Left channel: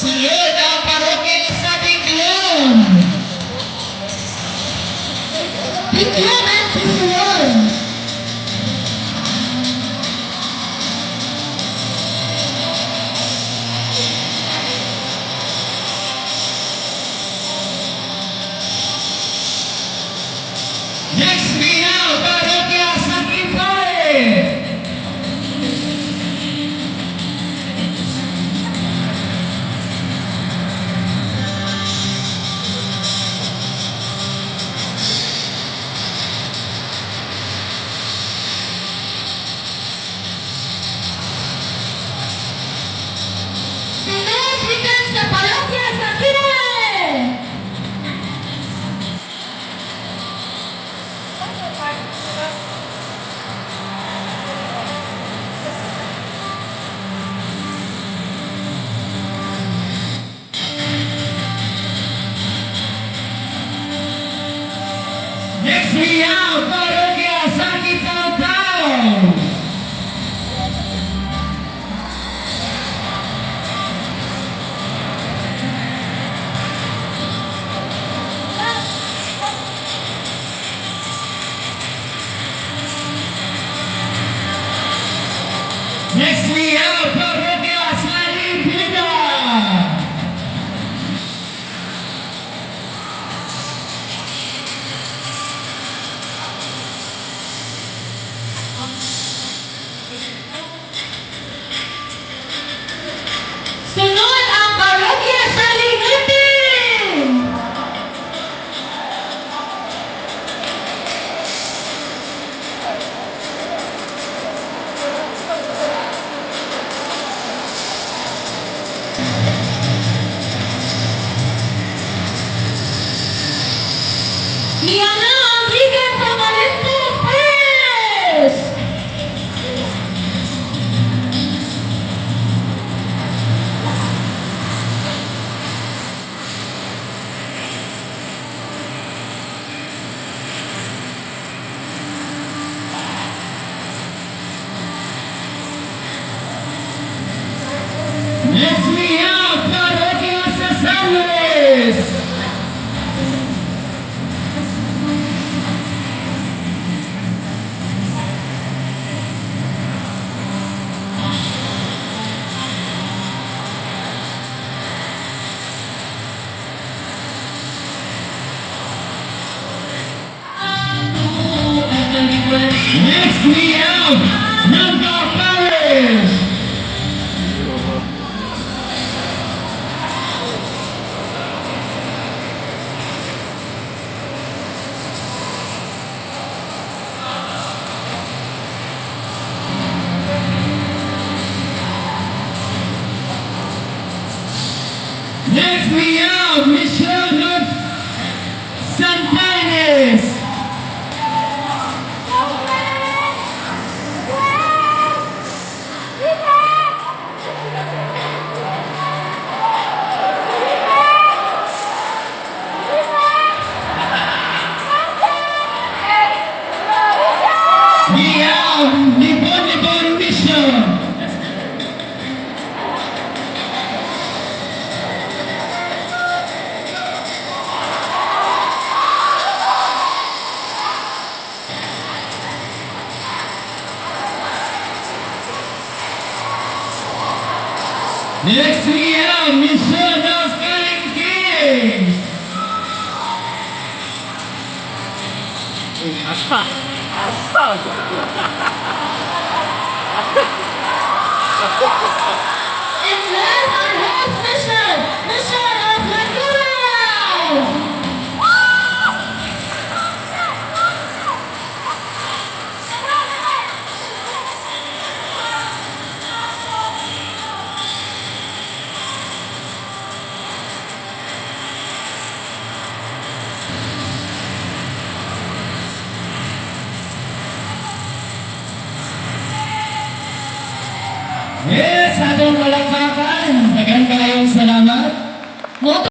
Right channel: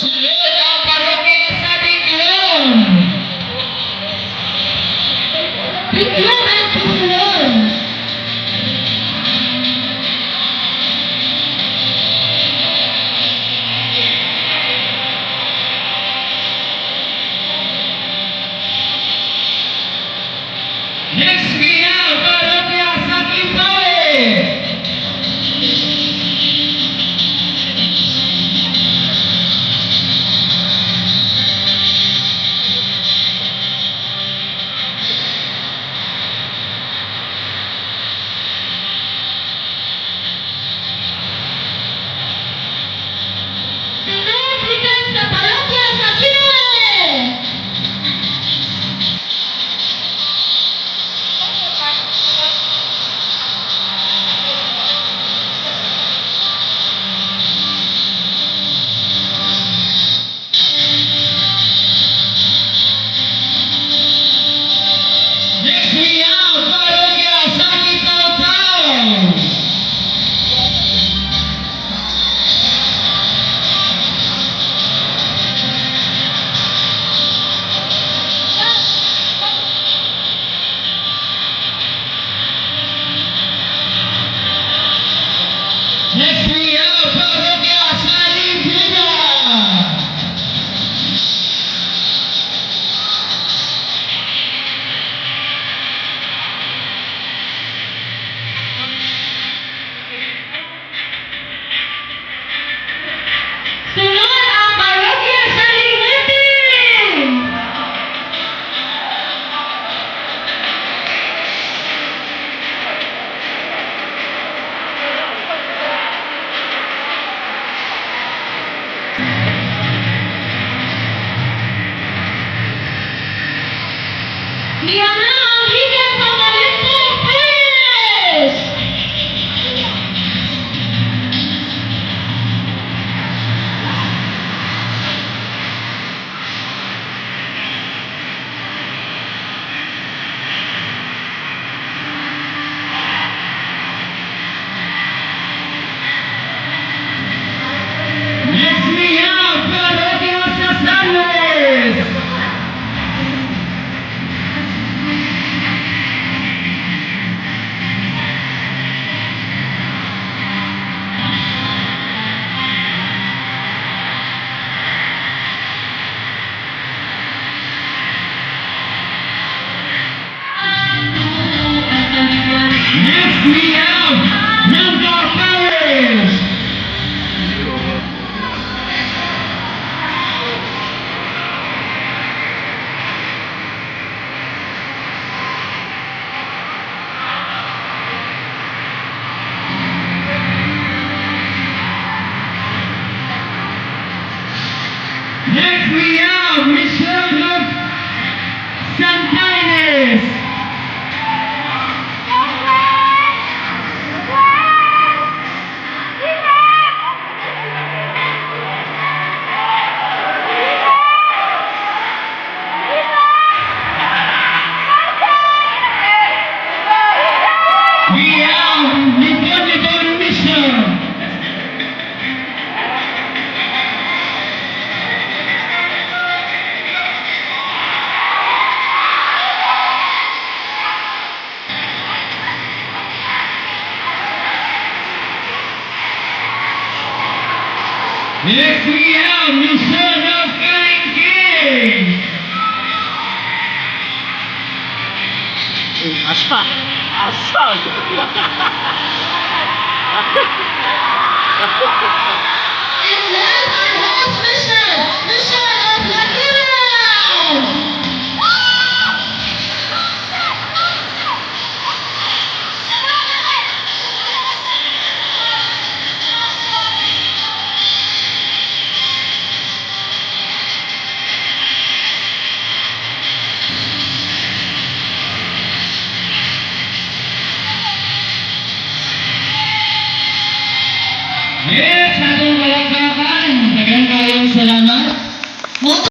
Sunod ang parokya sa Biglon. Biglon at Biglon. Next we have parokya sa Kimpay. Next we have parokya sa Kitao-Tao. Next we have parokya sa Libida. Sunod ang parokya sa Ligeti. Iyan na ang higang pangalintong Pres. Next we have parokya sa San Luis. Next we have Nanda Paris. Next we have Michelle Santanes. We have Libon Mission. Next we have Mission of Kalinki. Asa? Asa? And last and last mission of Lakiran. Yes, atong malakpakan. Daghang kayong salamat.